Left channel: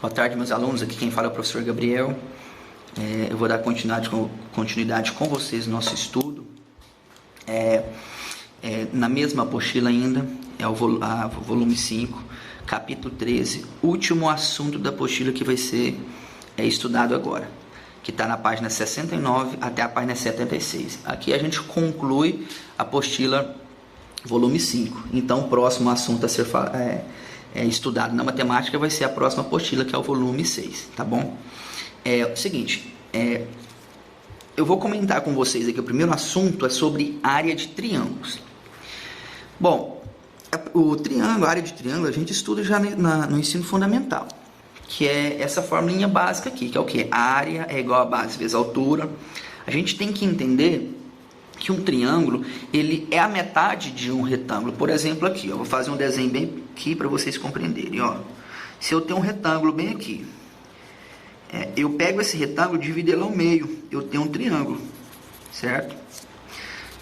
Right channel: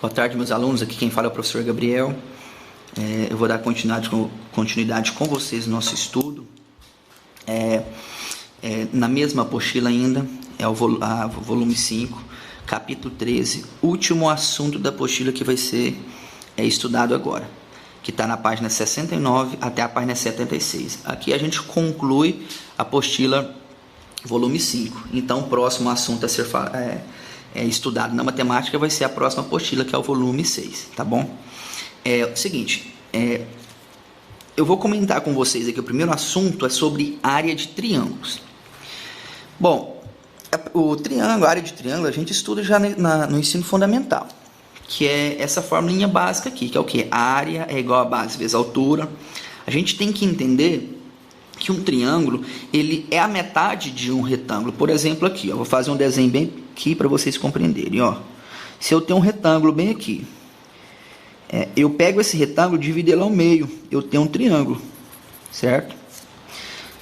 Boa tarde, meus alunos. Aqui quem fala é o professor Gabriel. Eu vou dar continuidade com vocês no nosso estudo. Na mesma apostila ainda, é o volume 5, capítulo 13, último assunto da apostila que vai ser estudado agora, que está na página 69 até a página 76. Aqui a gente conclui a apostila volume 5. Então, o próximo assunto a ser estudado na matemática vai ser a próxima apostila, que é o volume 6, tá bom? É o seguinte, eu vou comentar com vocês aqui, o primeiro assunto é sobre área de triângulos. Bom, a área de triângulo, a gente estuda já no ensino fundamental, que é essa formulinha básica aqui, que é o quê? A área é igual a base vezes a altura. A gente tem que entender que um triângulo, ele é a metade de um retângulo. Por exemplo, aqui, ó, vou fazer um desenho bem aqui para vocês compreenderem, ó. Se eu tenho um retângulo bem aqui, eu pego esse retângulo e divido ele ao meio, eu tenho um triângulo, certo?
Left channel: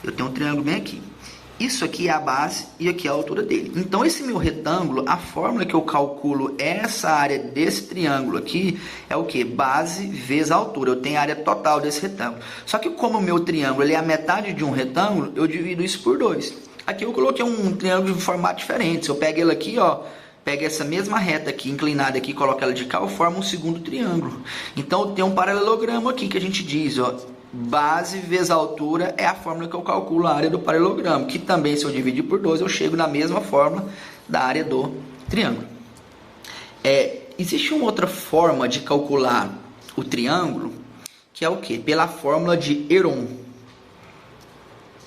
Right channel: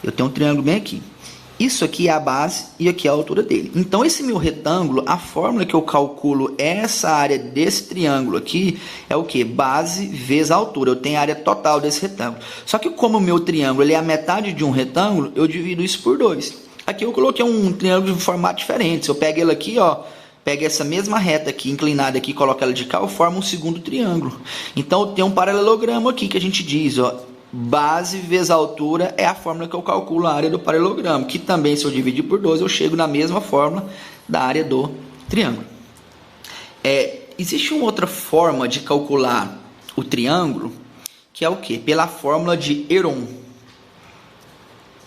Eu tenho um triângulo bem aqui. Isso aqui é a base e aqui é a altura dele. Então, esse meu retângulo, a fórmula que eu calculo essa área desse triângulo aqui é o que? Base vezes a altura. Eu tenho a área total desse retângulo. Só que como o meu triângulo ele é a metade de um retângulo, eu divido isso por 2. Aqui eu coloquei um triângulo de um formato diferente. Se eu pego ele aqui, ó, pego essa mesma reta aqui, inclinada aqui, coloco ela de cá, eu formo um segundo triângulo. Então, eu tenho um paralelogramo aqui que a gente diz, ó, base vezes a altura é a fórmula que eu calculo a área do paralelogramo, que também, se eu dividir por 2, eu chego na mesma fórmula da área do triângulo. Existe uma outra forma de calcular o triângulo, que é o quê? Pela fórmula de Heron,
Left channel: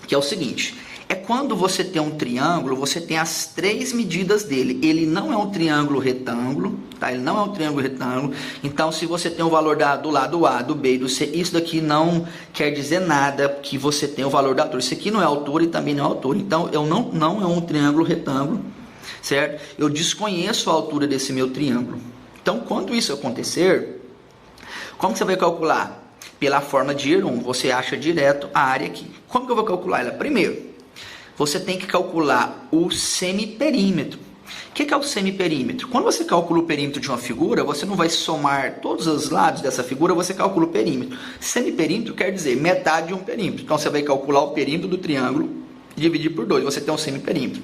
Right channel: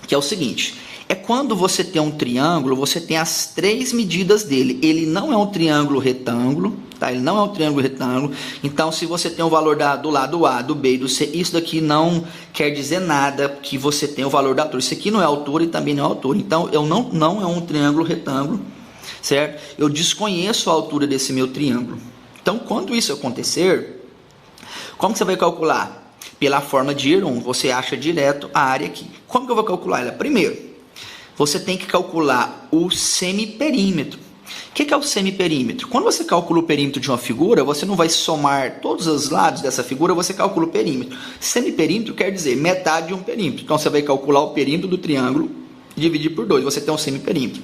que é o seguinte: é quando você tem um triângulo, você tem as 3 medidas dele. Ele não é um triângulo retângulo, tá? Ele não é um triângulo retângulo. Então, se você tem o valor do lado A, do B e do C, isso daqui não quer dizer nada que você tem o valor da altura. Isso aqui não é altura e também não é altura. Então, não é um triângulo retângulo, certo? Eu desconheço a altura desse meu triângulo. Então, quando isso acontecer, como que você vai calcular? Pela forma de Heron, você acha direto a área aqui. Como que eu vou calcular ela? Primeiro, você tem que calcular o semiperímetro. O que é o semiperímetro? Quando você calcula o perímetro de uma figura, você não vai somar todos os lados dessa figura, você calcula o perímetro. Semiperímetro quer dizer metade de um perímetro. Então, você vai calcular o perímetro do triângulo e dividir por 2. Você tem um semiperímetro,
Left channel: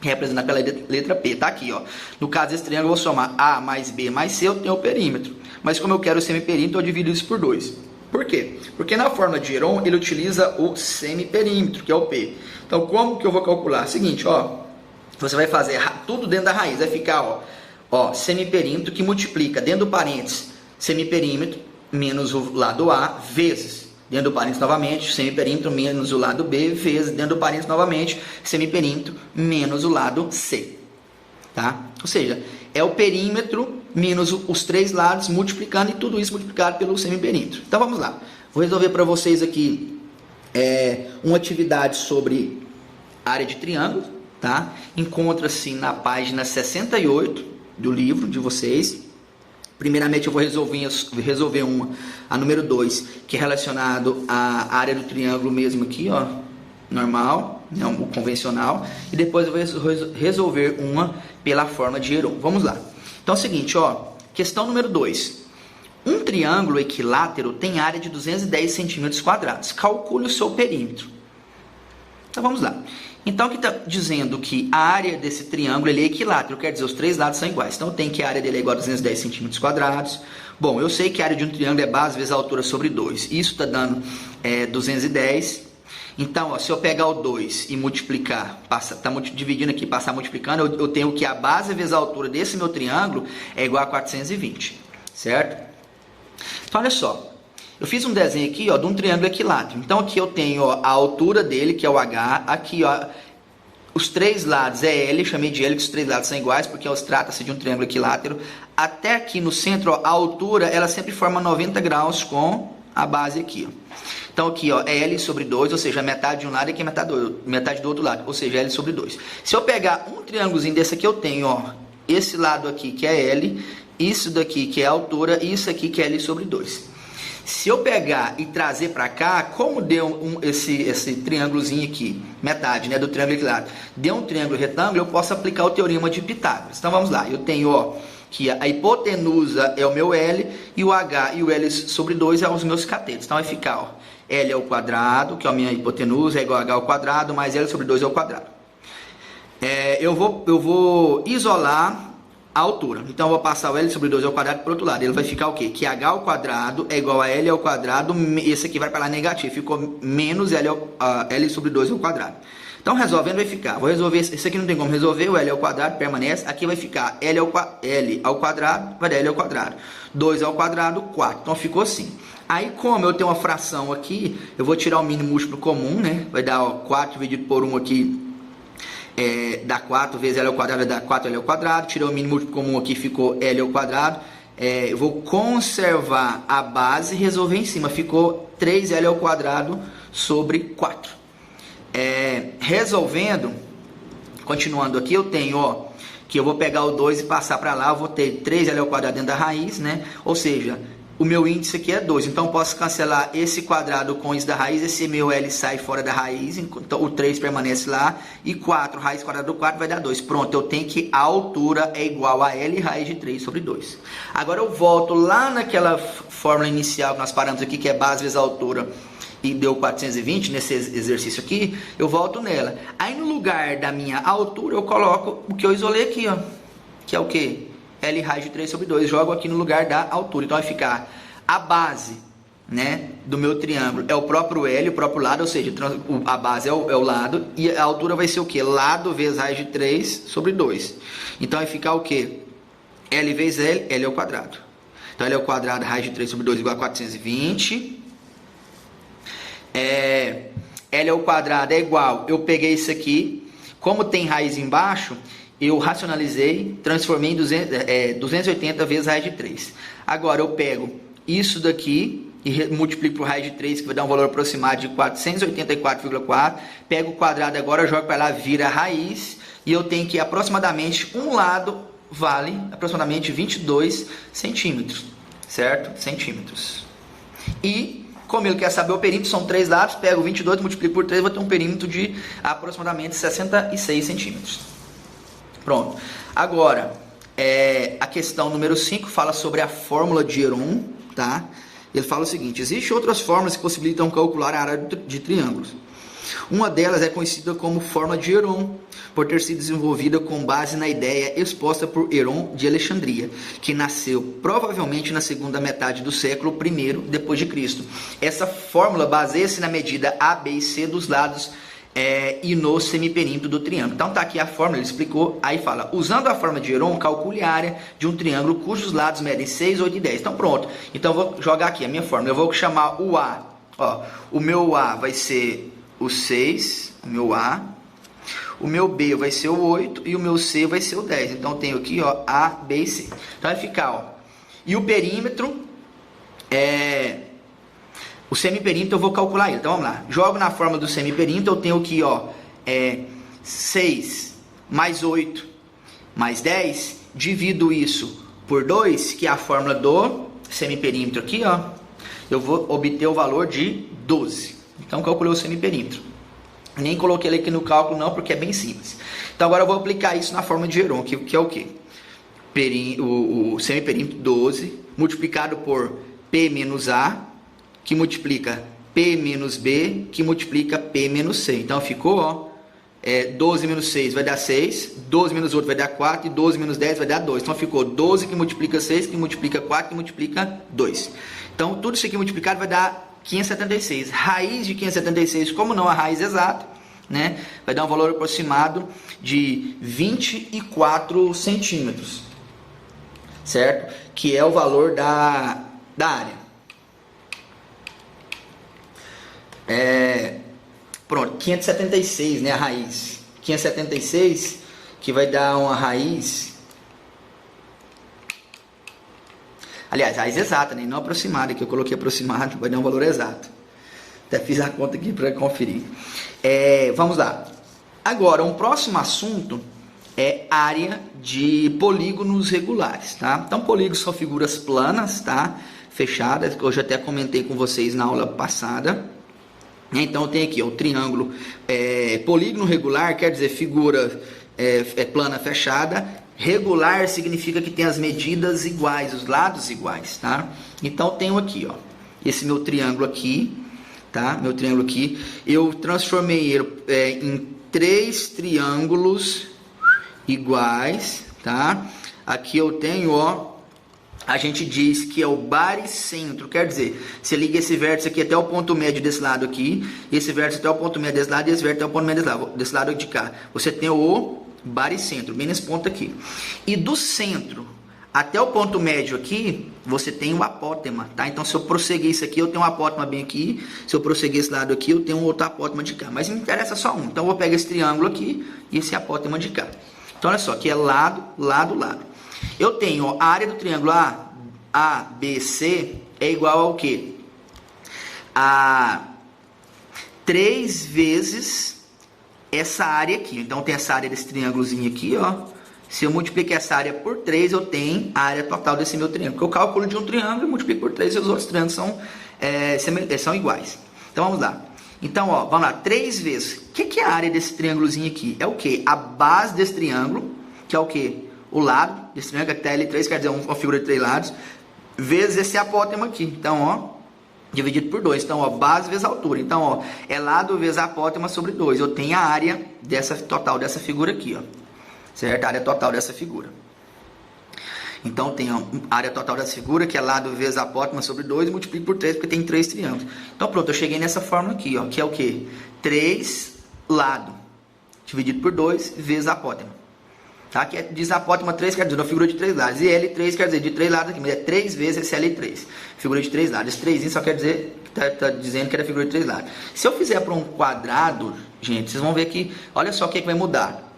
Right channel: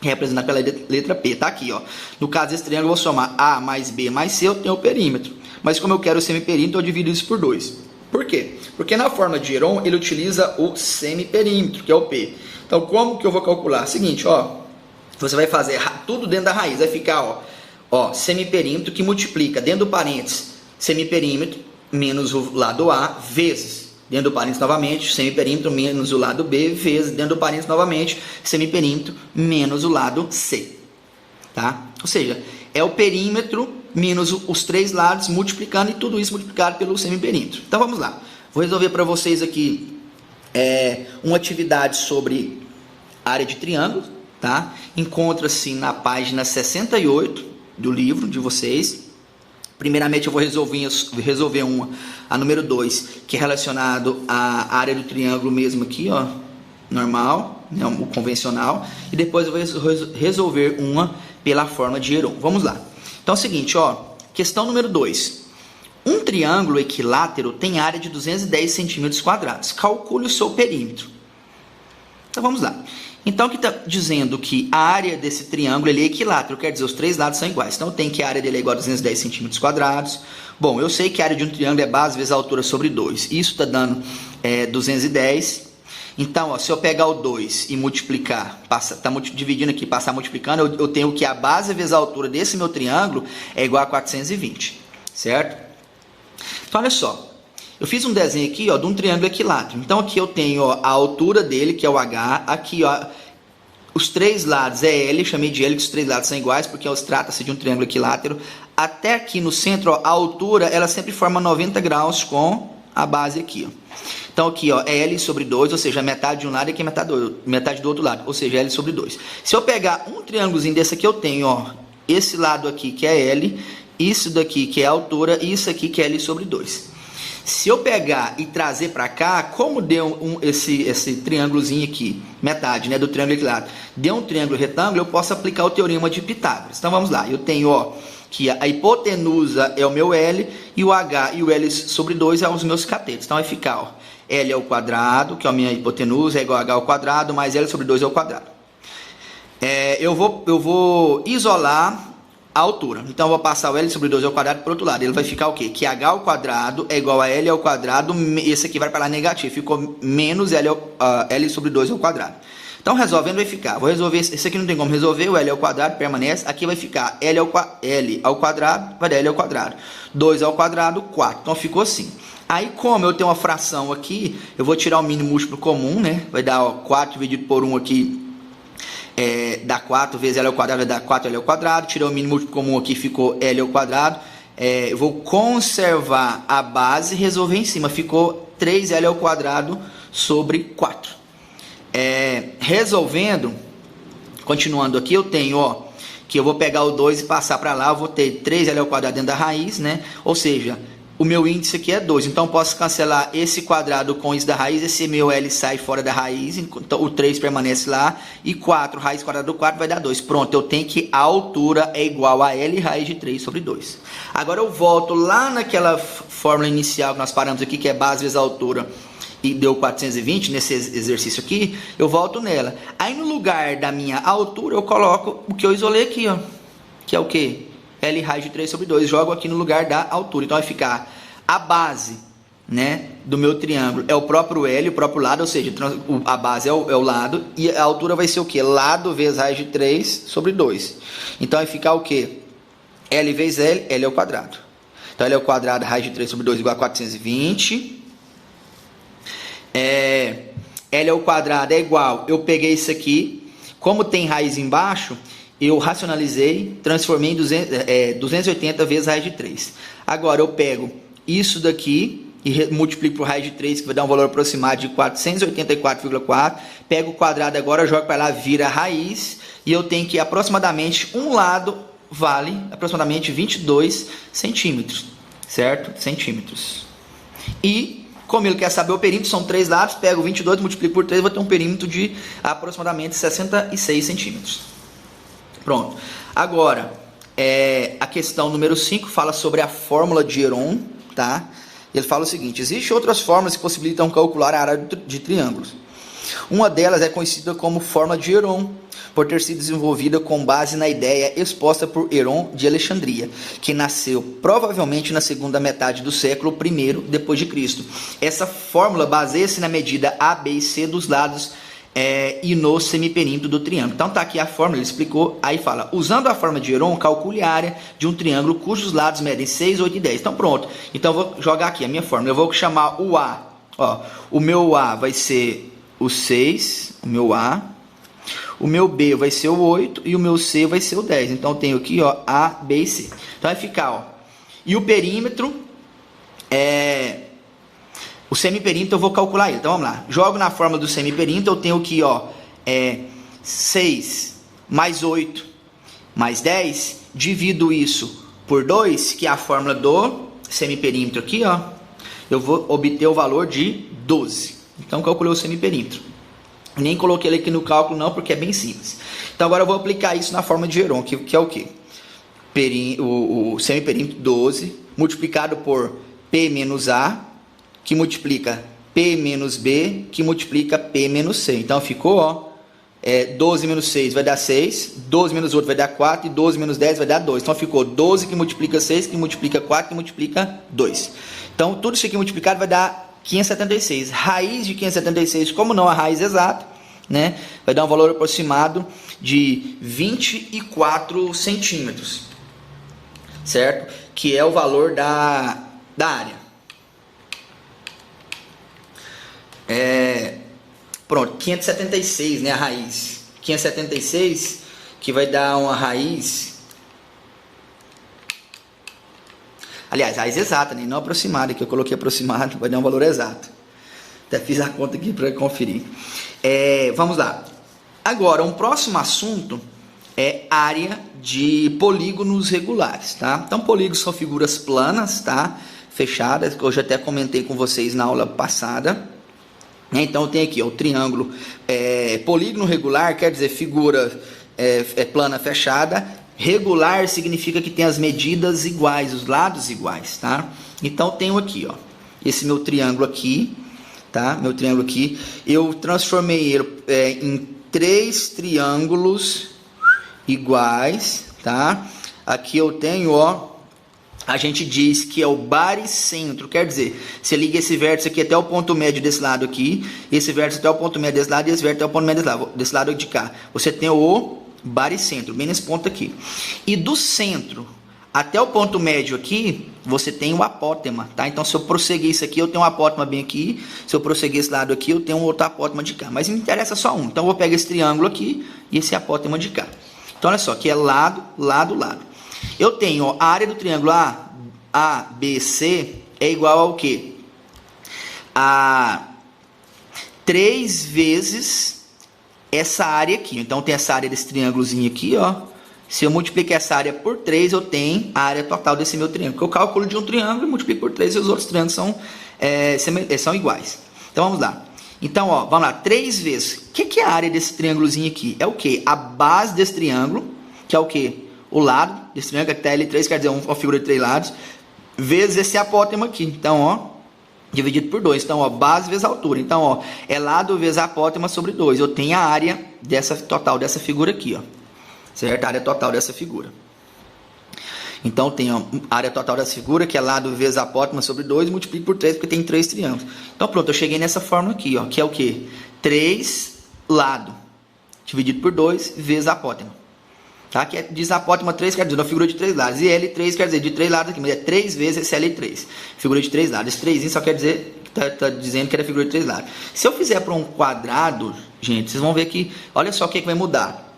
representado pela letra P. Está aqui, ó. No caso desse triângulo, eu vou somar A mais B mais C, eu tenho o perímetro. Mas como eu quero o semiperímetro, eu divido isso por 2. Por quê? Porque na fórmula de Heron, ele utiliza o semiperímetro, que é o P. Então, como que eu vou calcular? Seguinte, ó, você vai fazer tudo dentro da raiz, vai ficar, ó, semiperímetro que multiplica dentro do parênteses semiperímetro menos o lado A vezes, dentro do parênteses novamente, semiperímetro menos o lado B vezes, dentro do parênteses novamente, semiperímetro menos o lado C, tá? Ou seja, é o perímetro menos os 3 lados multiplicando e tudo isso multiplicado pelo semiperímetro. Então, vamos lá. Vou resolver para vocês aqui uma atividade sobre área de triângulo, tá? Encontra-se na página 68 do livro de vocês. Primeiramente eu vou resolver a número 2, que é relacionado à área do triângulo mesmo aqui, ó, normal, né, o convencional, e depois eu vou resolver uma pela forma de Heron. Vamos lá. Então é o seguinte, ó, questão número 2. Um triângulo equilátero tem área de 210 centímetros quadrados. Calcule o seu perímetro. Então, vamos lá. Então, aqui está dizendo que a área desse triângulo ele é equilátero, quer dizer, os 3 lados são iguais. Então, tem que a área dele é igual a 210 centímetros quadrados. Bom, eu sei que a área de um triângulo é base vezes a altura sobre 2. Isso está dando 210. Então, ó, se eu pegar o 2 e multiplicar, está dividindo aqui, passar multiplicando, eu tenho que a base vezes a altura desse meu triângulo é igual a 420, certo? Então, olha só, eu fiz um desenho aqui, ó, de um triângulo equilátero. Então, aqui eu tenho, ó, a altura dele, que é o H. Aqui, ó, os 3 lados é L, chamei de L, que os 3 lados são iguais, porque trata-se de um triângulo equilátero. Até aqui no centro, ó, a altura, ela sempre forma 90 graus com a base aqui, ó. Então, aqui, ó, é L sobre 2, ou seja, metade de um lado e aqui metade do outro lado, ou seja, L sobre 2. Se eu pegar um triângulozinho desse aqui, eu tenho, ó, esse lado aqui, que é L, isso daqui que é a altura e isso aqui que é L sobre 2. Se eu pegar e trazer para cá, como deu esse triângulozinho aqui, metade, né, do triângulo equilátero, deu um triângulo retângulo, eu posso aplicar o teorema de Pitágoras. Então vamos lá, eu tenho, ó, que a hipotenusa é o meu L e o H e o L sobre 2 é os meus catetos. Então vai ficar, ó, L ao quadrado, que é a minha hipotenusa, é igual a H ao quadrado, mais L sobre 2 ao quadrado. Eu vou isolar a altura. Então eu vou passar o L sobre 2 ao quadrado para o outro lado. Ele vai ficar o quê? Que H ao quadrado é igual a L ao quadrado, esse aqui vai para lá negativo, ficou menos L sobre 2 ao quadrado. Então, resolvendo, vai ficar, vou resolver, esse aqui não tem como resolver, o L ao quadrado permanece, aqui vai ficar L ao quadrado, vai dar L ao quadrado, 2 ao quadrado, 4, então ficou assim. Aí, como eu tenho uma fração aqui, eu vou tirar o mínimo múltiplo comum, né, vai dar, ó, 4 dividido por 1 aqui, dá 4 vezes L ao quadrado, vai dar 4L ao quadrado, tirei o mínimo múltiplo comum aqui, ficou L ao quadrado, eu vou conservar a base e resolver em cima, ficou 3L ao quadrado sobre 4. Resolvendo, continuando aqui, eu tenho, ó, que eu vou pegar o 2 e passar para lá, eu vou ter 3L ao quadrado dentro da raiz, né? Ou seja, o meu índice aqui é 2, então eu posso cancelar esse quadrado com isso da raiz, esse meu L sai fora da raiz, então o 3 permanece lá, e 4, raiz quadrada do 4 vai dar 2. Pronto, eu tenho que a altura é igual a L raiz de 3 sobre 2. Agora eu volto lá naquela fórmula inicial que nós paramos aqui, que é base vezes altura, e deu 420 nesse exercício aqui, eu volto nela. Aí no lugar da minha altura, eu coloco o que eu isolei aqui, ó, que é o quê? L raiz de 3 sobre 2, jogo aqui no lugar da altura. Então vai ficar a base, né, do meu triângulo é o próprio L, o próprio lado, ou seja, a base é o lado, e a altura vai ser o quê? Lado vezes raiz de 3 sobre 2. Então vai ficar o quê? L vezes L, L ao quadrado. Então L ao quadrado, raiz de 3 sobre 2 igual a 420. L ao quadrado é igual, eu peguei isso aqui, como tem raiz embaixo, eu racionalizei, transformei em 280 vezes raiz de 3. Agora eu pego isso daqui e multiplico por raiz de 3, que vai dar um valor aproximado de 484,4. Pego o quadrado agora, jogo para lá, vira raiz, e eu tenho que aproximadamente um lado vale aproximadamente 22 centímetros, certo? Centímetros. E como ele quer saber o perímetro, são 3 lados, pego 22, multiplico por 3, vou ter um perímetro de aproximadamente 66 centímetros. Pronto. Agora, a questão número 5 fala sobre a fórmula de Heron, tá? Ele fala o seguinte: existem outras fórmulas que possibilitam calcular a área de triângulos. Uma delas é conhecida como fórmula de Heron, por ter sido desenvolvida com base na ideia exposta por Heron de Alexandria, que nasceu provavelmente na segunda metade do século I depois de Cristo. Essa fórmula baseia-se na medida A, B e C dos lados e no semiperímetro do triângulo. Então tá aqui a fórmula, ele explicou, aí fala: usando a fórmula de Heron, calcule a área de um triângulo cujos lados medem 6, 8 e 10. Então pronto, então eu vou jogar aqui a minha fórmula, eu vou chamar o A, ó, o meu A vai ser o 6, o meu A, o meu B vai ser o 8 e o meu C vai ser o 10. Então eu tenho aqui, ó, A, B e C. Então vai ficar, ó, e o perímetro o semiperímetro eu vou calcular ele. Então vamos lá. Jogo na fórmula do semiperímetro, eu tenho aqui, ó, 6 mais 8 mais 10, divido isso por 2, que é a fórmula do semiperímetro aqui, ó, eu vou obter o valor de 12. Então calculei o semiperímetro. Nem coloquei ele aqui no cálculo não, porque é bem simples. Então agora eu vou aplicar isso na fórmula de Heron, que é o quê? O semiperímetro 12 multiplicado por P menos A, que multiplica P menos B, que multiplica P menos C. Então ficou, ó, 12 menos 6 vai dar 6, 12 menos 8 vai dar 4, e 12 menos 10 vai dar 2. Então ficou 12 que multiplica 6, que multiplica 4, que multiplica 2. Então tudo isso aqui multiplicado vai dar 576. Raiz de 576, como não a raiz exata, né, vai dar um valor aproximado de 24 centímetros, certo? Que é o valor da área. Pronto, 576, né, a raiz. 576, que vai dar uma raiz... Aliás, raiz exata, né, não aproximada, que eu coloquei aproximado, vai dar um valor exato. Até fiz a conta aqui para conferir. Vamos lá. Agora, um próximo assunto é área de polígonos regulares, tá? Então, polígonos são figuras planas, tá? Fechadas, que eu já até comentei com vocês na aula passada. Então, eu tenho aqui, ó, o triângulo polígono regular, quer dizer figura plana fechada, regular significa que tem as medidas iguais, os lados iguais, tá? Então tenho aqui, ó, esse meu triângulo aqui, tá? Meu triângulo aqui, eu transformei ele em 3 triângulos iguais, tá? Aqui eu tenho, ó, a gente diz que é o baricentro, quer dizer, você liga esse vértice aqui até o ponto médio desse lado aqui, esse vértice até o ponto médio desse lado e esse vértice até o ponto médio desse lado de cá. Você tem o baricentro, bem nesse ponto aqui. E do centro até o ponto médio aqui, você tem o apótema, tá? Então, se eu prosseguir isso aqui, eu tenho um apótema bem aqui. Se eu prosseguir esse lado aqui, eu tenho um outro apótema de cá. Mas me interessa só um. Então, eu vou pegar esse triângulo aqui e esse apótema de cá. Então, olha só, aqui é lado, lado, lado. Eu tenho, ó, a área do triângulo ABC é igual ao quê? A 3 vezes essa área aqui. Então, tem essa área desse triângulozinho aqui, ó. Se eu multiplicar essa área por 3, eu tenho a área total desse meu triângulo. Porque eu calculo de um triângulo e multiplico por 3 e os outros triângulos são iguais. Então, vamos lá. Então, ó, vamos lá. 3 vezes. O que é a área desse triângulozinho aqui? É o quê? A base desse triângulo, que é o quê? O lado desse triângulo, até L3, quer dizer, uma figura de 3 lados, vezes esse apótema aqui. Então, ó, dividido por 2. Então, ó, base vezes altura. Então, ó, é lado vezes apótema sobre 2. Eu tenho a área total dessa figura aqui, ó. Certo? A área total dessa figura. Então, tem a área total dessa figura, que é lado vezes apótema sobre 2, multiplico por 3, porque tem 3 triângulos. Então, pronto, eu cheguei nessa fórmula aqui, ó, que é o quê? 3 lado dividido por 2 vezes apótema. Tá? Que diz apótema 3, quer dizer, uma figura de 3 lados. E L3 quer dizer de 3 lados aqui, mas é 3 vezes esse L3. Figura de 3 lados. Esse 3 só quer dizer, tá dizendo que era figura de 3 lados. Se eu fizer para um quadrado, gente, vocês vão ver que, olha só o que vai mudar.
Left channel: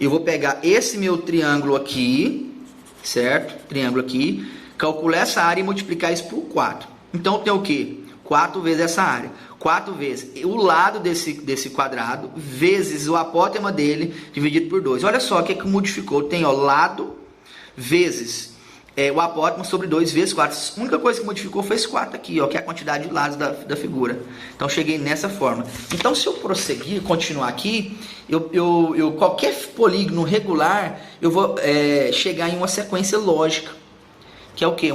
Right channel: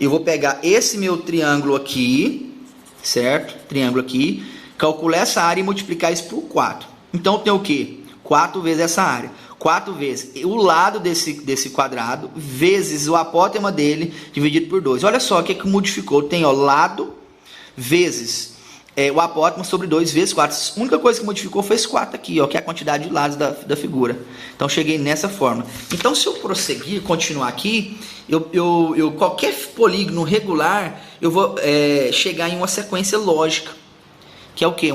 Eu vou pegar esse meu triângulo aqui, certo? Triângulo aqui, calcular essa área e multiplicar isso por 4. Então, eu tenho o quê? 4 vezes essa área. 4 vezes o lado desse quadrado, vezes o apótema dele, dividido por 2. Olha só o que modificou. Tem, ó, lado vezes o apótema sobre 2 vezes 4. A única coisa que modificou foi esse 4 aqui, ó, que é a quantidade de lados da figura. Então, cheguei nessa forma. Então, se eu prosseguir, continuar aqui, qualquer polígono regular, eu vou chegar em uma sequência lógica, que é o quê?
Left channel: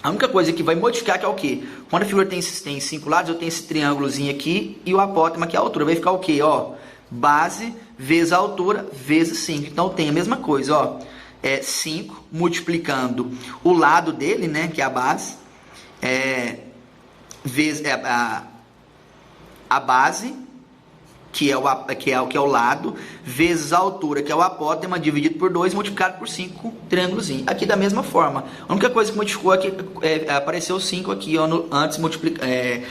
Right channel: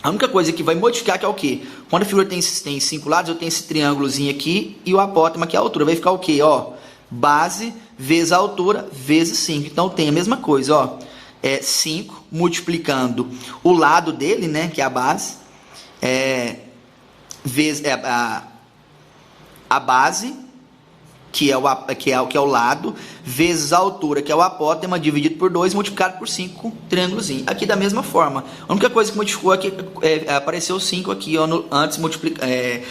A única coisa que vai modificar que é o quê? Quando a figura tem 5 lados, eu tenho esse triângulozinho aqui e o apótema, que é a altura. Vai ficar o quê? Ó, base vezes a altura vezes 5. Então, tem a mesma coisa, ó. 5 multiplicando o lado dele, né, que é a base, vezes a base, que é o lado, vezes a altura, que é o apótema, dividido por 2, multiplicado por 5, triângulozinho. Aqui da mesma forma. A única coisa que modificou aqui apareceu o 5 aqui, ó, antes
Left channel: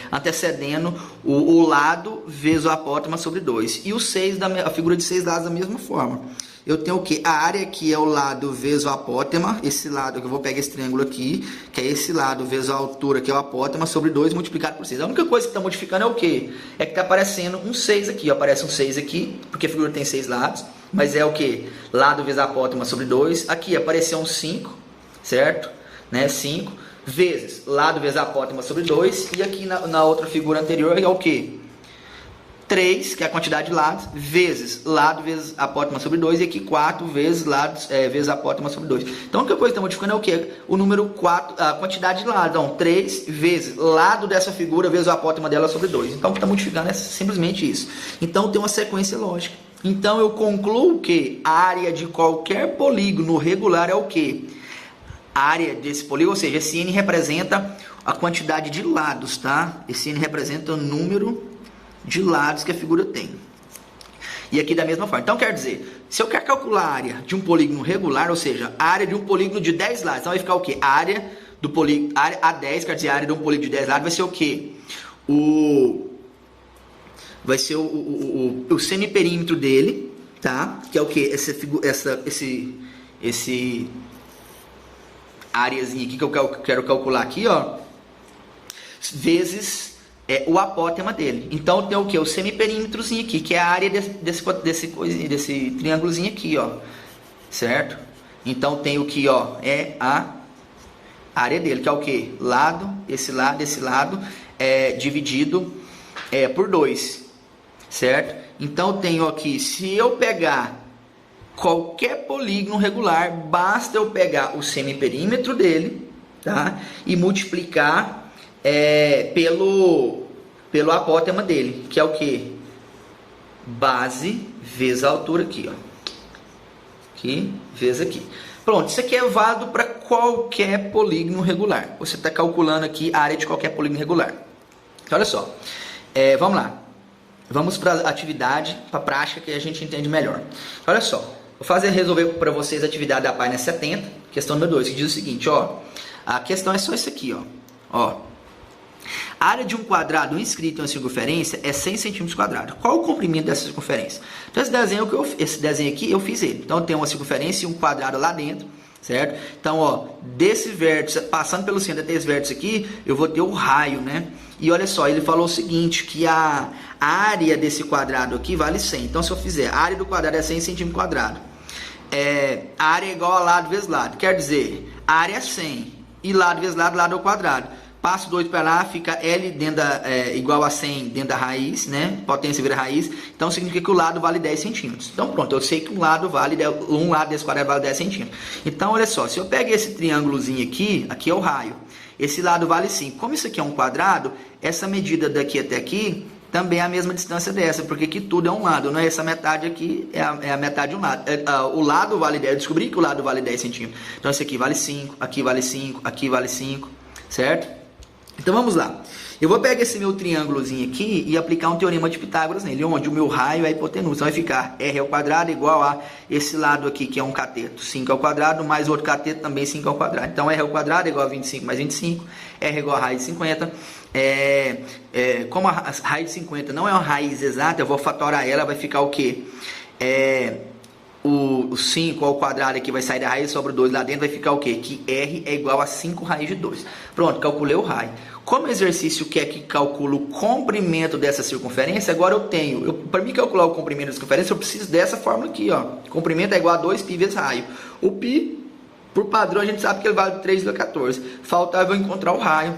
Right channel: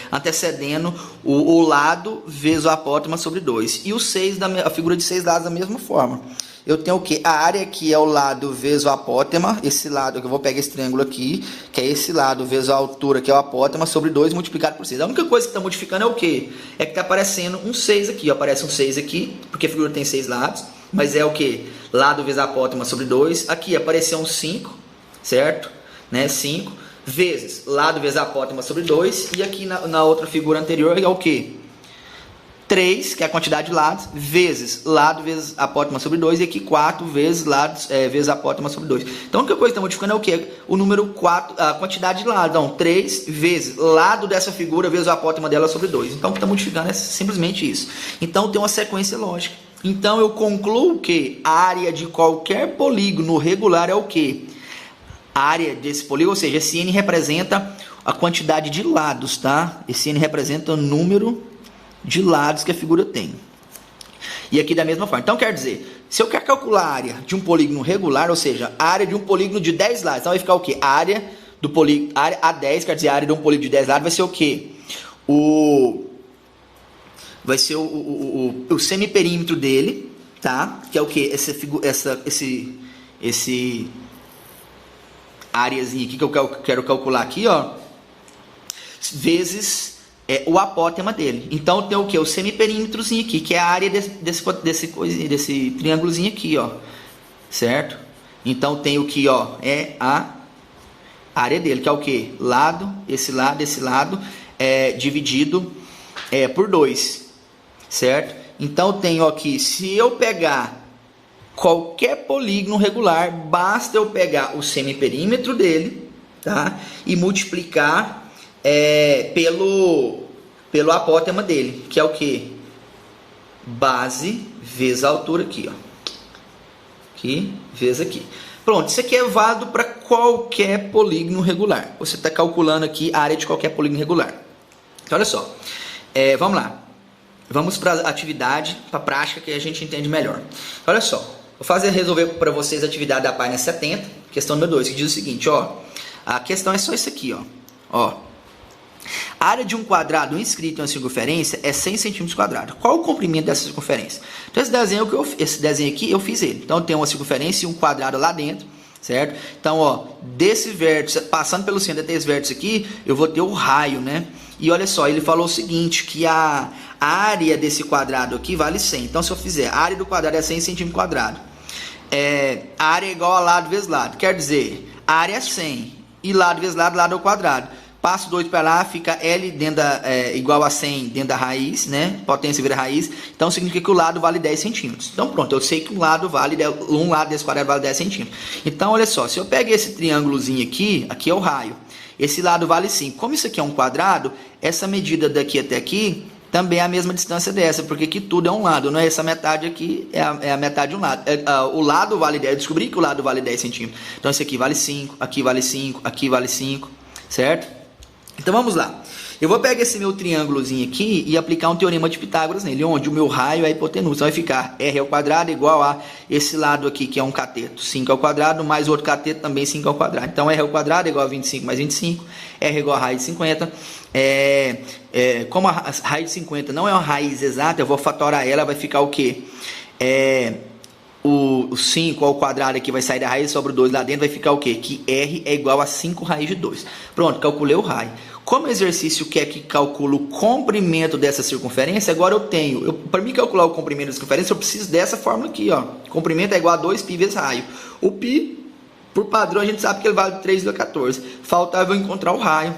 antecedendo o lado vezes o apótema sobre 2. E o 6, a figura de 6 lados da mesma forma. Eu tenho o quê? A área aqui é o lado vezes o apótema, esse lado, que eu vou pegar esse triângulo aqui, que é esse lado vezes a altura, que é o apótema, sobre 2 multiplicado por 6. A única coisa que está modificando é o quê? É que está aparecendo um 6 aqui, ó, aparece um 6 aqui, porque a figura tem 6 lados, mas é o quê? Lado vezes apótema sobre 2. Aqui apareceu um 5, certo? Né? 5, vezes lado vezes apótema sobre 2, e aqui na outra figura anterior é o quê? 3, que é a quantidade de lados, vezes lado vezes apótema sobre 2, e aqui 4 vezes lados vezes apótema sobre 2. Então, a única coisa que está modificando é o quê? O número 4, a quantidade de lados. Então, 3 vezes lado dessa figura vezes o apótema dela sobre 2. Então, o que está modificando é simplesmente isso. Então, tem uma sequência lógica. Então, eu concluo que a área de qualquer polígono regular é o quê? A área desse polígono, ou seja, esse N representa a quantidade de lados, tá? Esse N representa o número de lados que a figura tem. E aqui da mesma forma. Então, quer dizer, se eu quero calcular a área de um polígono regular, ou seja, a área de um polígono de 10 lados, então vai ficar o quê? A área do polígono, área A10, quer dizer, a área de um polígono de 10 lados vai ser o quê? Vai ser o semiperímetro dele, tá? Que é o quê? Esse áreazinha aqui que eu quero calcular aqui, ó, vezes o apótema dele. Então, tem o que? O semiperímetrozinho aqui, que é a área desse triângulozinho aqui, ó. Certo? Então, tem o que, ó, é a área dele, que é o que? Esse lado, dividido por 2. Certo? Então, tenho aqui, se eu pegar qualquer polígono regular, basta eu pegar o semiperímetro dele, tá? E multiplicar pelo apótema dele, que é o que? Base vezes a altura aqui, ó. Aqui, vezes aqui. Pronto, isso aqui é válido para qualquer polígono regular. Você está calculando aqui a área de qualquer polígono regular. Então, olha só. Vamos lá. Vamos para a atividade, para a prática, que a gente entende melhor. Olha só. Vou resolver para vocês a atividade da página 70, questão número 2, que diz o seguinte, ó. A questão é só isso aqui, ó. A área de um quadrado inscrito em uma circunferência é 100 centímetros quadrados. Qual o comprimento dessa circunferência? Então, esse desenho aqui, eu fiz ele. Então, tem uma circunferência e um quadrado lá dentro, certo? Então, ó, desse vértice, passando pelo centro desse vértice aqui, eu vou ter o raio, né? E olha só, ele falou o seguinte, que a área desse quadrado aqui vale 100. Então, se eu fizer, a área do quadrado é 100 centímetros quadrados. A área é igual a lado vezes lado. Quer dizer, a área é 100 e lado vezes lado, lado ao quadrado. Passo 2 para lá, fica L dentro igual a 100 dentro da raiz, né? Potência vira raiz. Então, significa que o lado vale 10 centímetros. Então, pronto, eu sei que um lado desse quadrado vale 10 centímetros. Então, olha só, se eu pego esse triângulozinho aqui é o raio. Esse lado vale 5. Como isso aqui é um quadrado, essa medida daqui até aqui também é a mesma distância dessa, porque aqui tudo é um lado, não é? Essa metade aqui é a metade de um lado. O lado vale 10, eu descobri que o lado vale 10 centímetros. Então, esse aqui vale 5, aqui vale 5, aqui vale 5, certo? Então vamos lá, eu vou pegar esse meu triângulozinho aqui e aplicar um teorema de Pitágoras nele, onde o meu raio é a hipotenusa. Então vai ficar r ao quadrado igual a esse lado aqui que é um cateto, 5 ao quadrado, mais outro cateto também 5 ao quadrado. Então r ao quadrado é igual a 25 mais 25, r é igual a raiz de 50. Como a raiz de 50 não é uma raiz exata, eu vou fatorar ela, vai ficar o quê? O 5 ao quadrado aqui vai sair da raiz, sobra o 2 lá dentro, vai ficar o quê? Que r é igual a 5 raiz de 2. Pronto, calculei o raio. Como o exercício quer que calcule o comprimento dessa circunferência, agora eu tenho, para mim calcular o comprimento da circunferência, eu preciso dessa fórmula aqui, ó. Comprimento é igual a 2π vezes raio. O π, por padrão, a gente sabe que ele vale 3,14. Faltava eu encontrar o raio.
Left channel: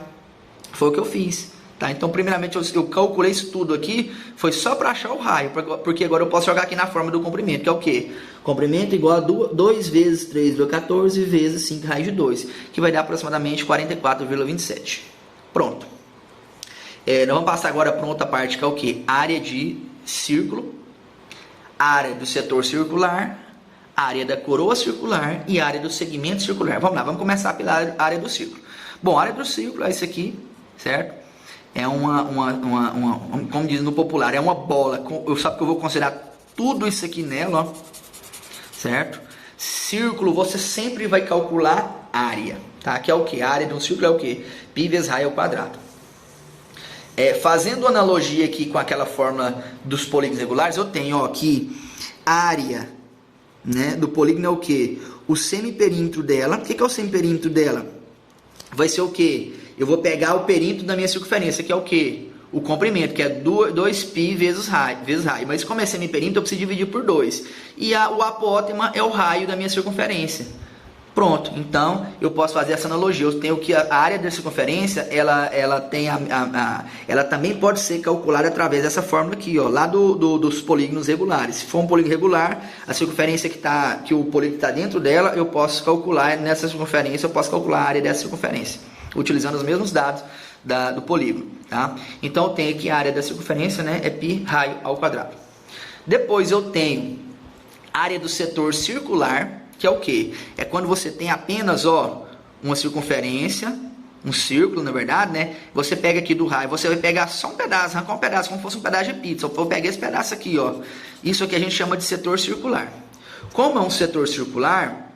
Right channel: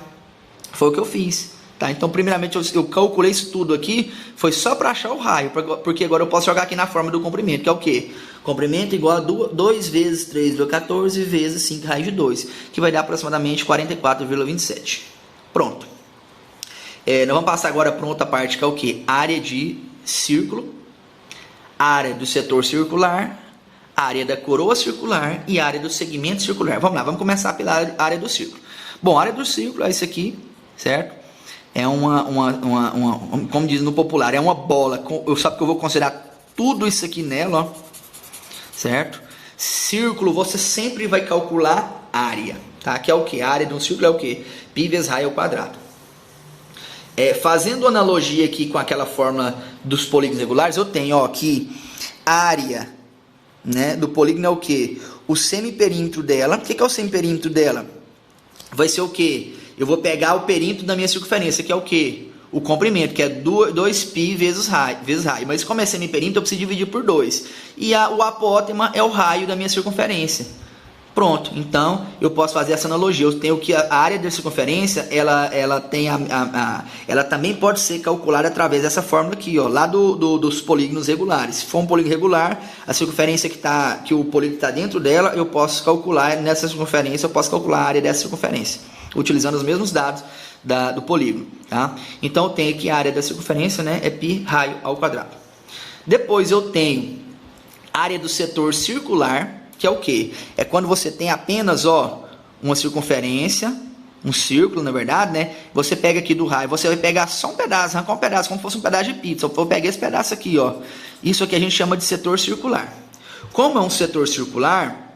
Foi o que eu fiz. Tá? Então, primeiramente, eu calculei isso tudo aqui, foi só para achar o raio, porque agora eu posso jogar aqui na forma do comprimento, que é o quê? Comprimento igual a 2 vezes 3,14 vezes 5 raiz de 2, que vai dar aproximadamente 44,27. Pronto. Nós vamos passar agora para outra parte, que é o quê? Área de círculo, área do setor circular, área da coroa circular e área do segmento circular. Vamos lá, vamos começar pela área do círculo. Bom, a área do círculo é isso aqui, certo? É como diz no popular, é uma bola. Só que eu vou considerar tudo isso aqui nela, ó, certo? Círculo, você sempre vai calcular área, tá? Que é o que? A área de um círculo é o que? Π vezes raio ao quadrado. Fazendo analogia aqui com aquela fórmula dos polígonos regulares, eu tenho, ó, aqui a área, né, do polígono é o que? O semiperímetro dela. O que é o semiperímetro dela? Vai ser o que? Eu vou pegar o perímetro da minha circunferência, que é o que? O comprimento, que é 2π vezes raio. Mas como é semiperímetro, eu preciso dividir por 2. E o apótema é o raio da minha circunferência. Pronto, então eu posso fazer essa analogia. Eu tenho que a área da circunferência, ela também pode ser calculada através dessa fórmula aqui, ó, lá dos polígonos regulares. Se for um polígono regular, a circunferência que o polígono está dentro dela, eu posso calcular nessa circunferência, eu posso calcular a área dessa circunferência, utilizando os mesmos dados do polígono, tá? Então eu tenho aqui a área da circunferência, né, é π raio ao quadrado. Depois eu tenho a área do setor circular, que é o que? É quando você tem apenas, ó, uma circunferência, um círculo, na verdade, né? Você pega aqui do raio, você vai pegar só um pedaço, arrancar um pedaço, como se fosse um pedaço de pizza. Eu vou pegar esse pedaço aqui, ó. Isso aqui a gente chama de setor circular. Como é um setor circular,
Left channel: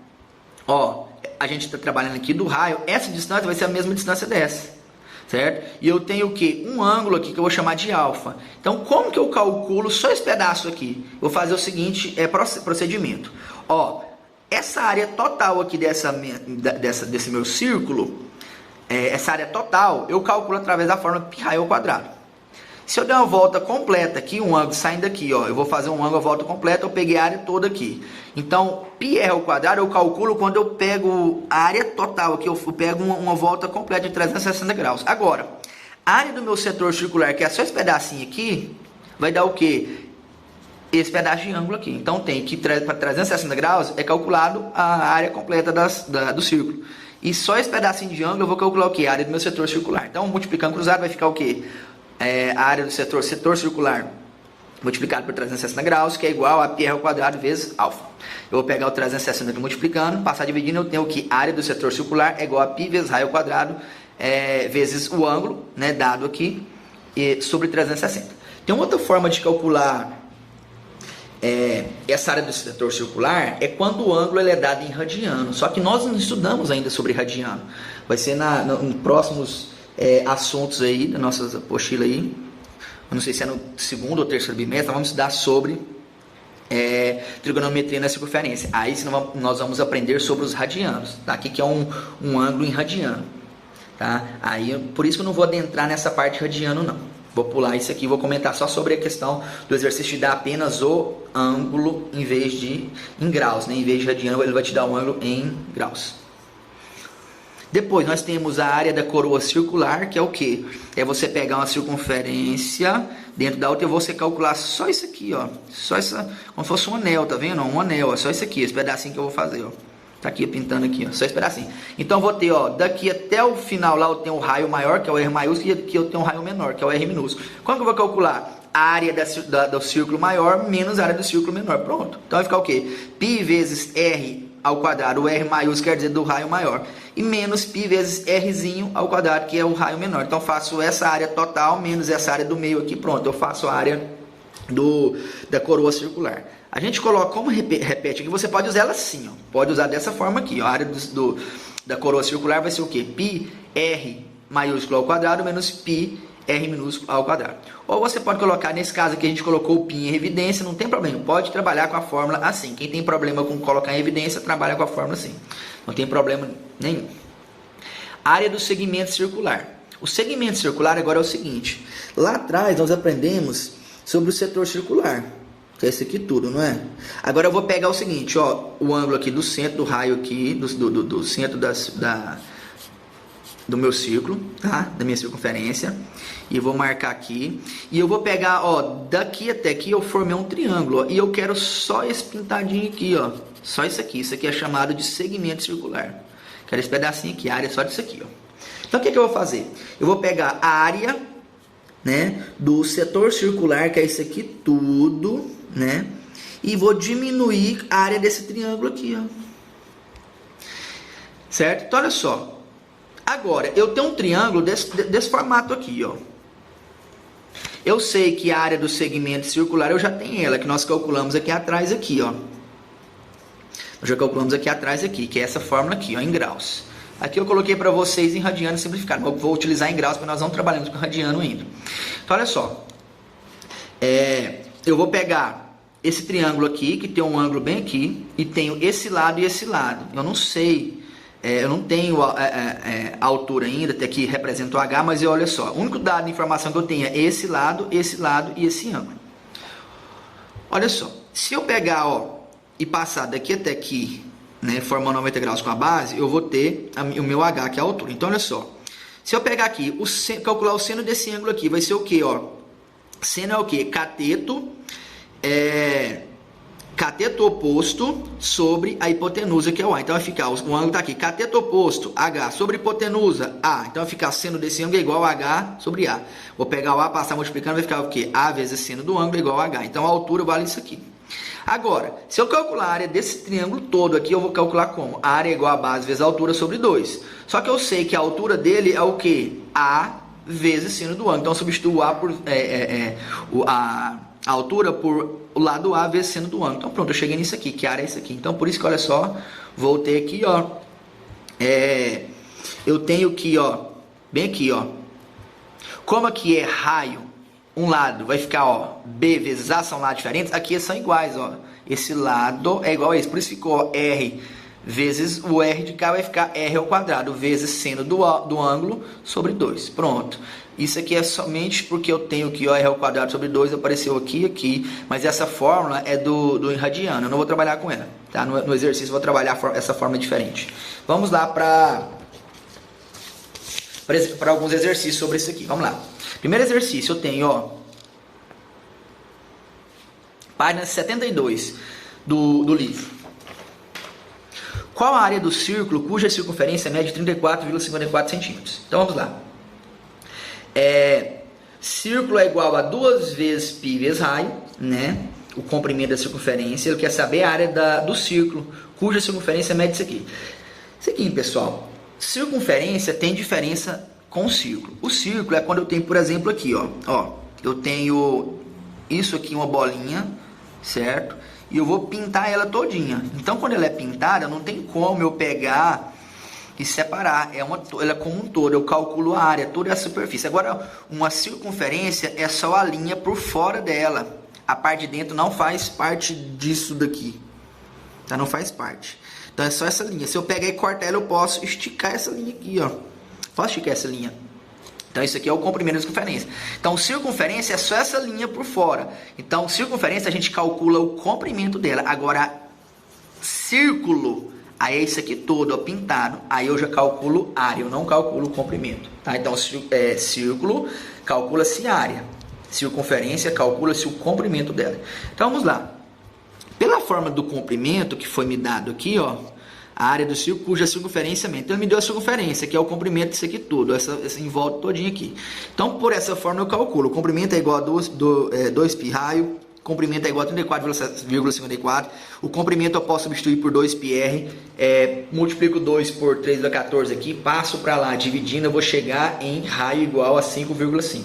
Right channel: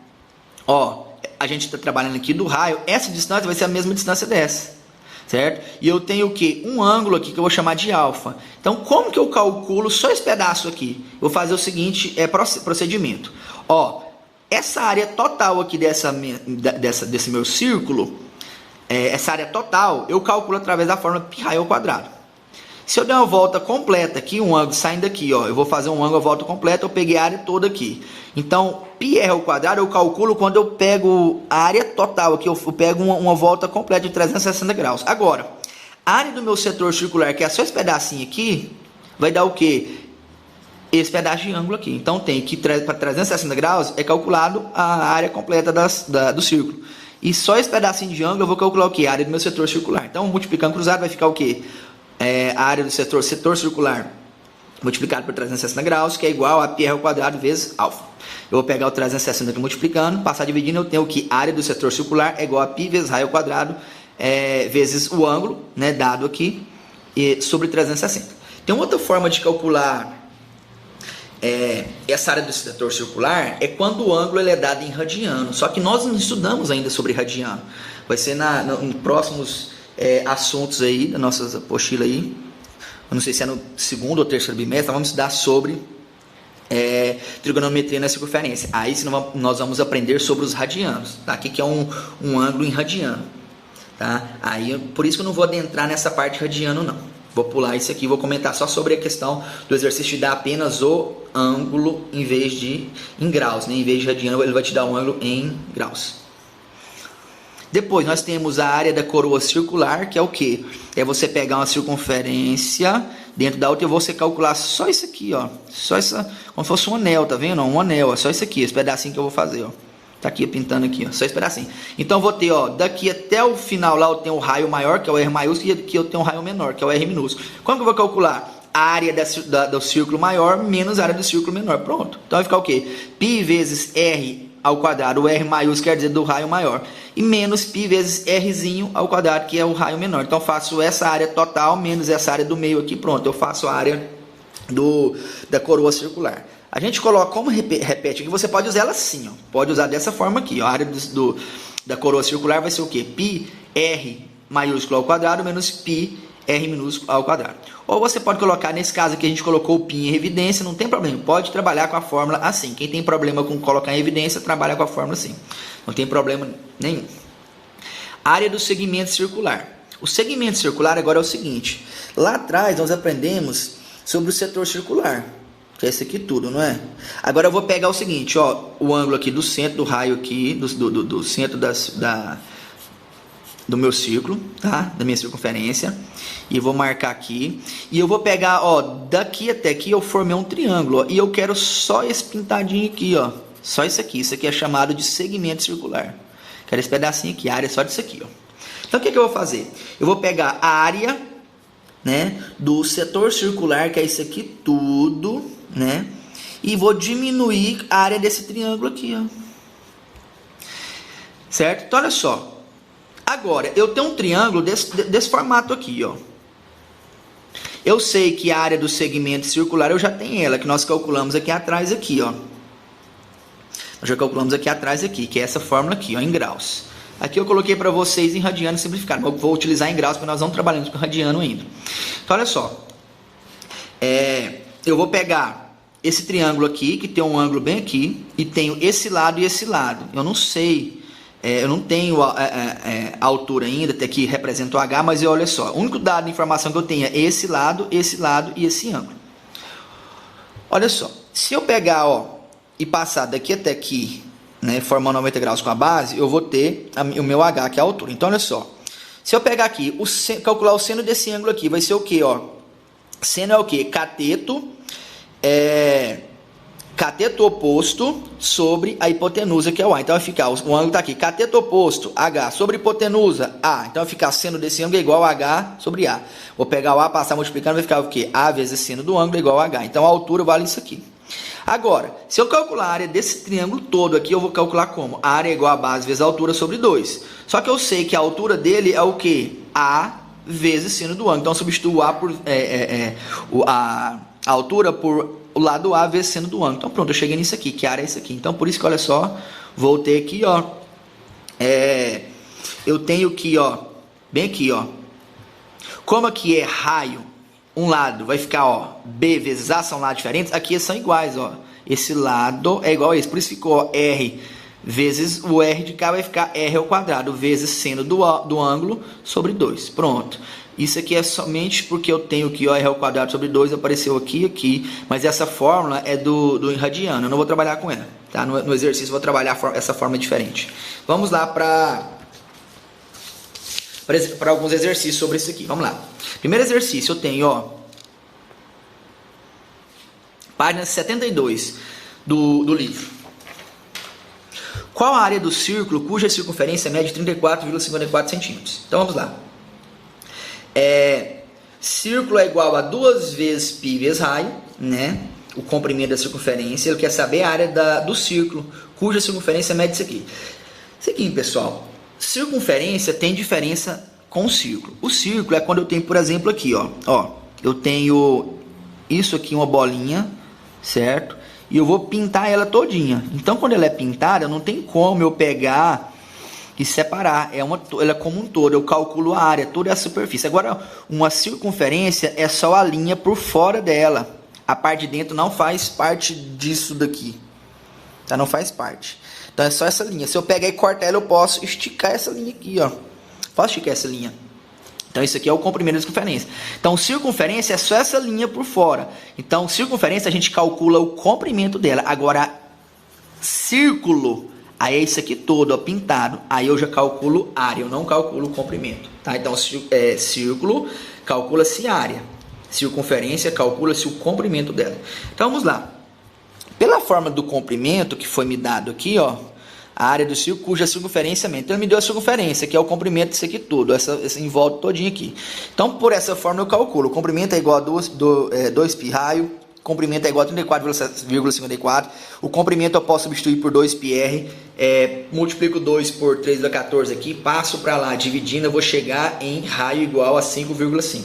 ó, a gente está trabalhando aqui do raio, essa distância vai ser a mesma distância dessa, certo? E eu tenho o que? Um ângulo aqui que eu vou chamar de alfa. Então, como que eu calculo só esse pedaço aqui? Eu vou fazer o seguinte, procedimento. Ó, essa área total aqui desse meu círculo, essa área total, eu calculo através da fórmula π raio ao quadrado. Se eu der uma volta completa aqui, um ângulo saindo daqui, ó, eu vou fazer um ângulo, a volta completa, eu peguei a área toda aqui. Então, πr ao quadrado eu calculo quando eu pego a área total aqui, eu pego uma volta completa de 360 graus. Agora, a área do meu setor circular, que é só esse pedacinho aqui, vai dar o quê? esse pedaço de ângulo aqui. Então tem que para 360 graus é calculado a área completa do círculo. E só esse pedacinho de ângulo eu vou calcular o que? A área do meu setor circular. Então multiplicando cruzado vai ficar o que? A área do setor circular multiplicado por 360 graus, que é igual a πr ao quadrado vezes alfa. Eu vou pegar o 360 aqui multiplicando, passar dividindo, eu tenho o que? A área do setor circular é igual a π vezes raio ao quadrado vezes o ângulo, né, dado aqui, sobre 360. Tem uma outra forma de calcular essa área do setor circular, é quando o ângulo ele é dado em radiano. Só que nós não estudamos ainda sobre radiano. Vai ser em próximos assuntos aí, da nossa apostila aí. Eu não sei se é no segundo ou terceiro bimestre, vamos estudar sobre trigonometria na circunferência. Aí nós vamos aprender sobre os radianos, tá? O que é um ângulo em radiano, tá? Aí, por isso que eu não vou adentrar nessa parte de radiano, não. Vou pular isso aqui, vou comentar só sobre a questão do exercício de dar apenas o ângulo em vez de em graus, né? Em vez de radiano, ele vai te dar um ângulo em graus. Depois nós temos a área da coroa circular, que é o que? É você pegar uma circunferência dentro da outra e você calcular só isso aqui, ó. Só essa, como se fosse um anel, tá vendo? Um anel, ó. Só isso aqui, esse pedacinho que eu vou fazer, ó. Tá aqui pintando aqui, ó. Só esse pedacinho. Então eu vou ter, ó, daqui até o final lá eu tenho o raio maior, que é o R maiúsculo, e aqui eu tenho o raio menor, que é o R minúsculo. Como que eu vou calcular? A área do círculo maior menos a área do círculo menor. Pronto. Então vai ficar o quê? Π vezes R ao quadrado, o R maiúsculo quer dizer do raio maior, e menos π vezes Rzinho ao quadrado, que é o raio menor. Então eu faço essa área total menos essa área do meio aqui, pronto, eu faço a área da coroa circular. A gente coloca, como repete aqui, você pode usar ela assim, ó. Pode usar dessa forma aqui, ó. A área da coroa circular vai ser o quê? Π R maiúsculo ao quadrado menos π R minúsculo ao quadrado. Ou você pode colocar, nesse caso aqui a gente colocou o π em evidência, não tem problema, pode trabalhar com a fórmula assim. Quem tem problema com colocar em evidência, trabalha com a fórmula assim. Não tem problema nenhum. Área do segmento circular. O segmento circular agora é o seguinte, lá atrás nós aprendemos sobre o setor circular, que é esse aqui tudo, não é? Agora eu vou pegar o seguinte, ó, o ângulo aqui do centro do raio aqui, do centro do meu círculo, tá? Da minha circunferência, e vou marcar aqui, e eu vou pegar, ó, daqui até aqui eu formei um triângulo, ó, e eu quero só esse pintadinho aqui, ó, só isso aqui é chamado de segmento circular, quero esse pedacinho aqui, a área só disso aqui, ó. Então o que eu vou fazer? Eu vou pegar a área, né, do setor circular, que é isso aqui tudo, né, e vou diminuir a área desse triângulo aqui, ó, certo? Então olha só, agora, eu tenho um triângulo desse formato aqui, ó. Eu sei que a área do segmento circular eu já tenho ela, que nós calculamos aqui atrás, aqui, ó. Nós já calculamos aqui atrás, aqui, que é essa fórmula aqui, ó, em graus. Aqui eu coloquei para vocês em radiano simplificado, mas eu vou utilizar em graus, porque nós não trabalhamos com radiano ainda. Então, olha só. Eu vou pegar esse triângulo aqui, que tem um ângulo bem aqui, e tenho esse lado e esse lado. Eu não sei... eu não tenho a altura ainda, até aqui representa o H, mas olha só, o único dado de informação que eu tenho é esse lado e esse ângulo. Olha só, se eu pegar, ó, e passar daqui até aqui, né, formando 90 graus com a base, eu vou ter o meu H, que é a altura. Então, olha só, se eu pegar aqui, calcular o seno desse ângulo aqui, vai ser o quê, ó? Seno é o quê? Cateto oposto sobre a hipotenusa, que é o A. Então vai ficar, o ângulo está aqui, cateto oposto, H, sobre hipotenusa, A. Então vai ficar seno desse ângulo é igual a H sobre A. Vou pegar o A, passar multiplicando, vai ficar o quê? A vezes seno do ângulo é igual a H. Então a altura vale isso aqui. Agora, se eu calcular a área desse triângulo todo aqui, eu vou calcular como? A área é igual a base vezes a altura sobre 2. Só que eu sei que a altura dele é o quê? A vezes seno do ângulo. Então eu substituo A por... a altura por o lado A vezes seno do ângulo. Então pronto, eu cheguei nisso aqui, que a área é isso aqui. Então por isso que olha só, vou ter aqui, ó, eu tenho aqui, ó, bem aqui, ó, como aqui é raio, um lado vai ficar, ó, B vezes A, são lados diferentes, aqui são iguais, ó, esse lado é igual a esse, por isso ficou R vezes o R de cá vai ficar R ao quadrado, vezes seno do ângulo sobre 2, pronto. Isso aqui é somente porque eu tenho aqui, ó, R ao quadrado sobre 2, apareceu aqui, mas essa fórmula é do radiano, eu não vou trabalhar com ela, tá? No exercício eu vou trabalhar essa forma diferente. Vamos lá para alguns exercícios sobre isso aqui, vamos lá. Primeiro exercício eu tenho, ó, Página 72 do livro. Qual a área do círculo cuja circunferência mede 34,54 centímetros? Então vamos lá. Círculo é igual a 2 vezes π vezes raio, né? O comprimento da circunferência. Ele quer saber a área do círculo cuja circunferência mede isso aqui. Isso aqui, pessoal. Circunferência tem diferença com o círculo. O círculo é quando eu tenho, por exemplo, aqui, ó, eu tenho isso aqui, uma bolinha, certo? E eu vou pintar ela todinha. Então, quando ela é pintada, não tem como eu pegar e separar. Ela é como um todo. Eu calculo a área, toda a superfície. Agora, uma circunferência é só a linha por fora dela. A parte de dentro não faz parte disso daqui. Tá? Não faz parte. Então, é só essa linha. Se eu pegar e cortar ela, eu posso esticar essa linha aqui, ó. Posso esticar essa linha. Então, isso aqui é o comprimento da circunferência. Então, circunferência é só essa linha por fora. Então, circunferência a gente calcula o comprimento dela. Agora, círculo, aí é isso aqui todo, ó, pintado. Aí eu já calculo área, eu não calculo o comprimento. Tá? Então, círculo, calcula-se área. Circunferência, calcula-se o comprimento dela. Então, vamos lá. Pela forma do comprimento que foi me dado aqui, ó, a área do círculo cuja circunferência mede. Então, ele me deu a circunferência, que é o comprimento disso aqui tudo, essa em volta todinho aqui. Então, por essa forma eu calculo. O comprimento é igual a 2π raio, o comprimento é igual a 34,54. O comprimento eu posso substituir por 2πr, multiplico 2 por 3,14 aqui, passo para lá, dividindo, eu vou chegar em raio igual a 5,5.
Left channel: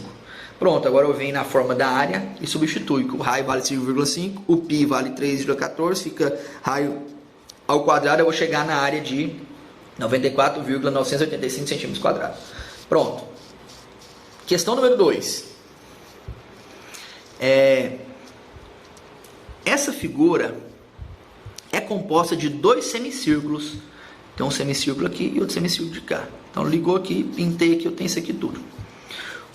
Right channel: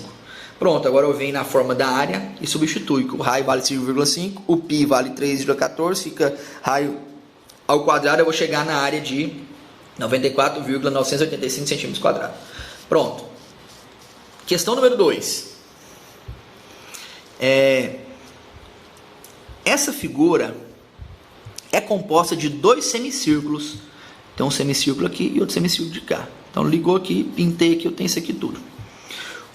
Pronto, agora eu venho na forma da área e substitui. O raio vale 5,5, o π vale 3,14, fica raio ao quadrado, eu vou chegar na área de 94,985 centímetros quadrados. Pronto. Questão número 2. Essa figura é composta de 2 semicírculos. Tem um semicírculo aqui e outro semicírculo de cá. Então, ligou aqui, pintei aqui, eu tenho isso aqui tudo.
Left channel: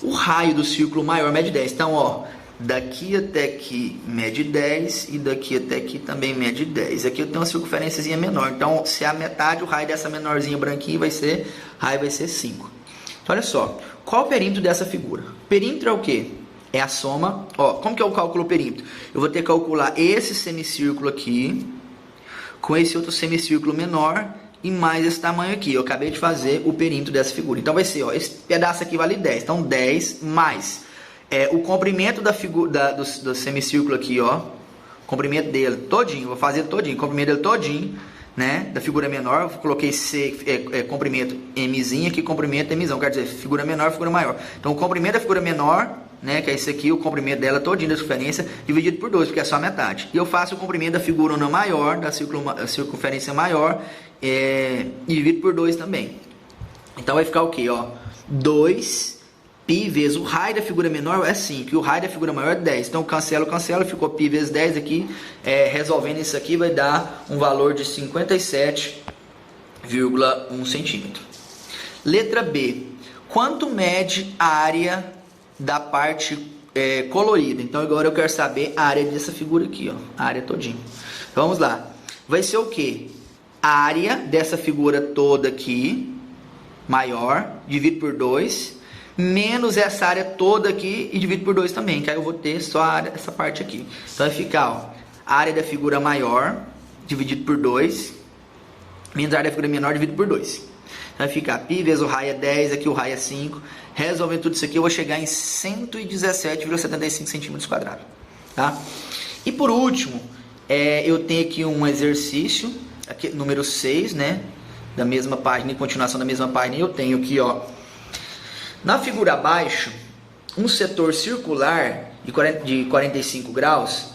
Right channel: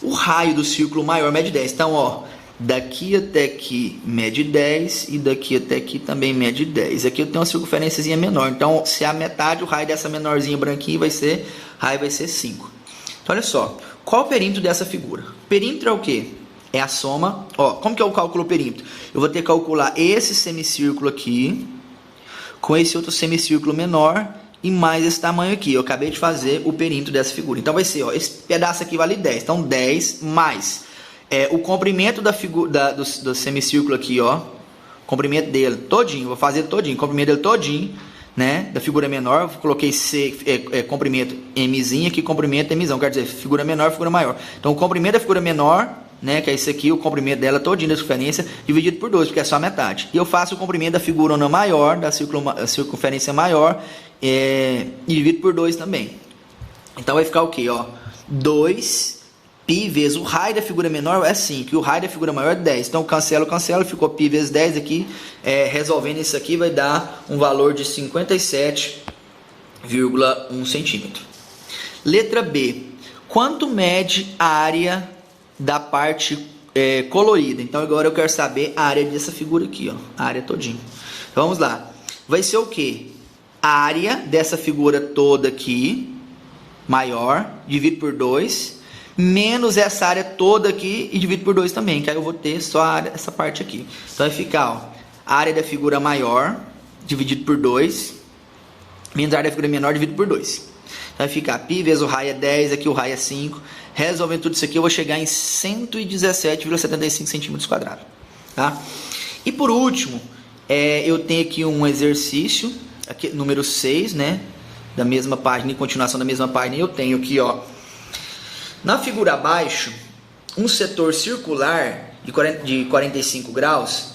O raio do círculo maior mede 10. Então, ó, daqui até aqui mede 10 e daqui até aqui também mede 10. Aqui eu tenho uma circunferênciazinha menor. Então, se a metade, o raio dessa menorzinha branquinha vai ser 5. Então, olha só. Qual o perímetro dessa figura? Perímetro é o quê? É a soma. Ó, como que eu calculo o perímetro? Eu vou ter que calcular esse semicírculo aqui com esse outro semicírculo menor e mais esse tamanho aqui. Eu acabei de fazer o perímetro dessa figura. Então, vai ser, ó, esse pedaço aqui vale 10. Então, 10 mais o comprimento do semicírculo aqui, ó. Comprimento dele todinho. Vou fazer todinho. Comprimento dele todinho, né? Da figura menor. Eu coloquei C, comprimento Mzinho aqui, comprimento Mzão. Quer dizer, figura menor, figura maior. Então, o comprimento da figura menor, né? Que é esse aqui, o comprimento dela todinho da circunferência, dividido por 2, porque é só a metade. E eu faço o comprimento da figura maior, da circunferência maior, e divido por 2 também. Então, vai ficar o quê, ó? 2 π vezes o raio da figura menor é 5 e o raio da figura maior é 10. Então, cancelo, ficou π vezes 10 aqui. Resolvendo isso aqui, vai dar um valor de 57,1 centímetro. Letra B. Quanto mede a área da parte colorida? Então, agora eu quero saber a área dessa figura aqui, ó. A área todinha. Vamos lá. Vai ser o quê? A área dessa figura toda aqui, maior, dividido por 2... menos essa área toda aqui e divido por 2 também, que aí eu vou ter só essa parte aqui. Então vai ficar, ó, a área da figura maior dividido por 2 menos a área da figura menor dividido por 2. Então vai ficar π vezes o raio é 10, aqui o raio é 5. Resolvendo tudo isso aqui, eu vou chegar em 117,75 centímetros quadrados. Tá? E por último, eu tenho aqui um exercício, aqui, número 6, né? Da mesma página, em continuação da mesma página, eu tenho aqui, ó, na figura abaixo, um setor circular de 45 graus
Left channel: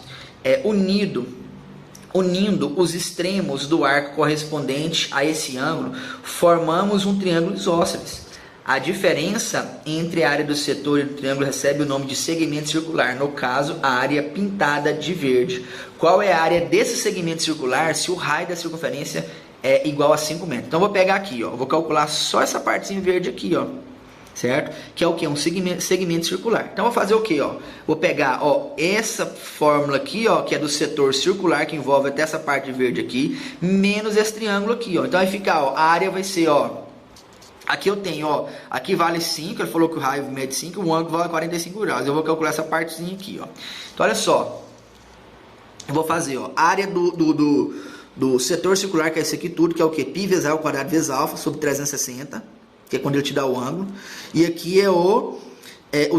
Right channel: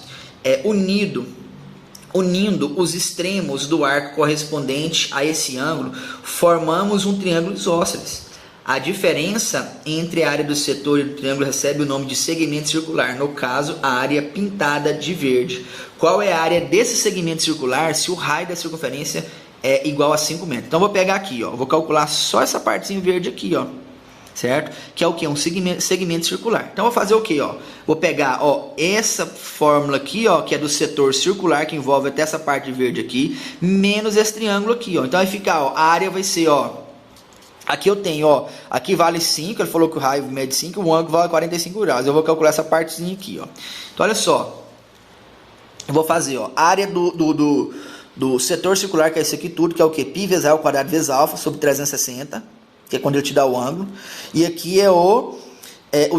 unindo os extremos do arco correspondente a esse ângulo, formamos um triângulo isósceles. A diferença entre a área do setor e do triângulo recebe o nome de segmento circular, no caso, a área pintada de verde. Qual é a área desse segmento circular se o raio da circunferência é igual a 5 metros? Então, vou pegar aqui, ó, vou calcular só essa partezinha verde aqui, ó. Certo? Que é o que? Um segmento circular. Então, vou fazer o que? Vou pegar, ó, essa fórmula aqui, ó, que é do setor circular, que envolve até essa parte verde aqui, menos esse triângulo aqui, ó. Então, vai ficar, ó, a área vai ser, ó, aqui eu tenho, ó, aqui vale 5, ele falou que o raio mede 5, o ângulo vale 45 graus. Eu vou calcular essa partezinha aqui, ó. Então, olha só. eu vou fazer, ó, área do setor circular, que é esse aqui tudo, que é o que? Π vezes A ao quadrado vezes alfa sobre 360, que é quando ele te dá o ângulo. E aqui é o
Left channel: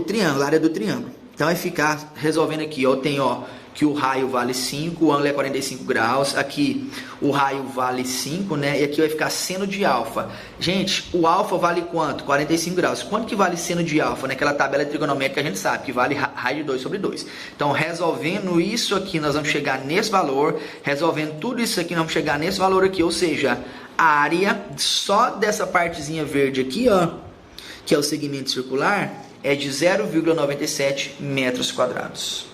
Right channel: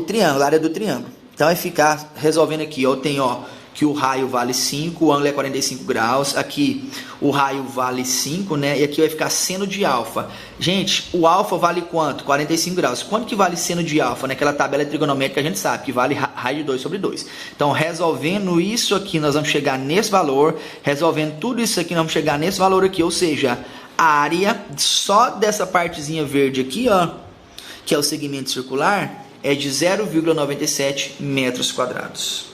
triângulo, a área do triângulo. Então vai ficar resolvendo aqui, ó, eu tenho, ó, que o raio vale 5, o ângulo é 45 graus, aqui o raio vale 5, né, e aqui vai ficar seno de alfa. Gente, o alfa vale quanto? 45 graus. Quanto que vale seno de alfa? Naquela tabela trigonométrica a gente sabe que vale raio de 2 sobre 2. Então, resolvendo isso aqui, nós vamos chegar nesse valor, resolvendo tudo isso aqui, nós vamos chegar nesse valor aqui, ou seja, a área só dessa partezinha verde aqui, ó, que é o segmento circular, é de 0,97 metros quadrados.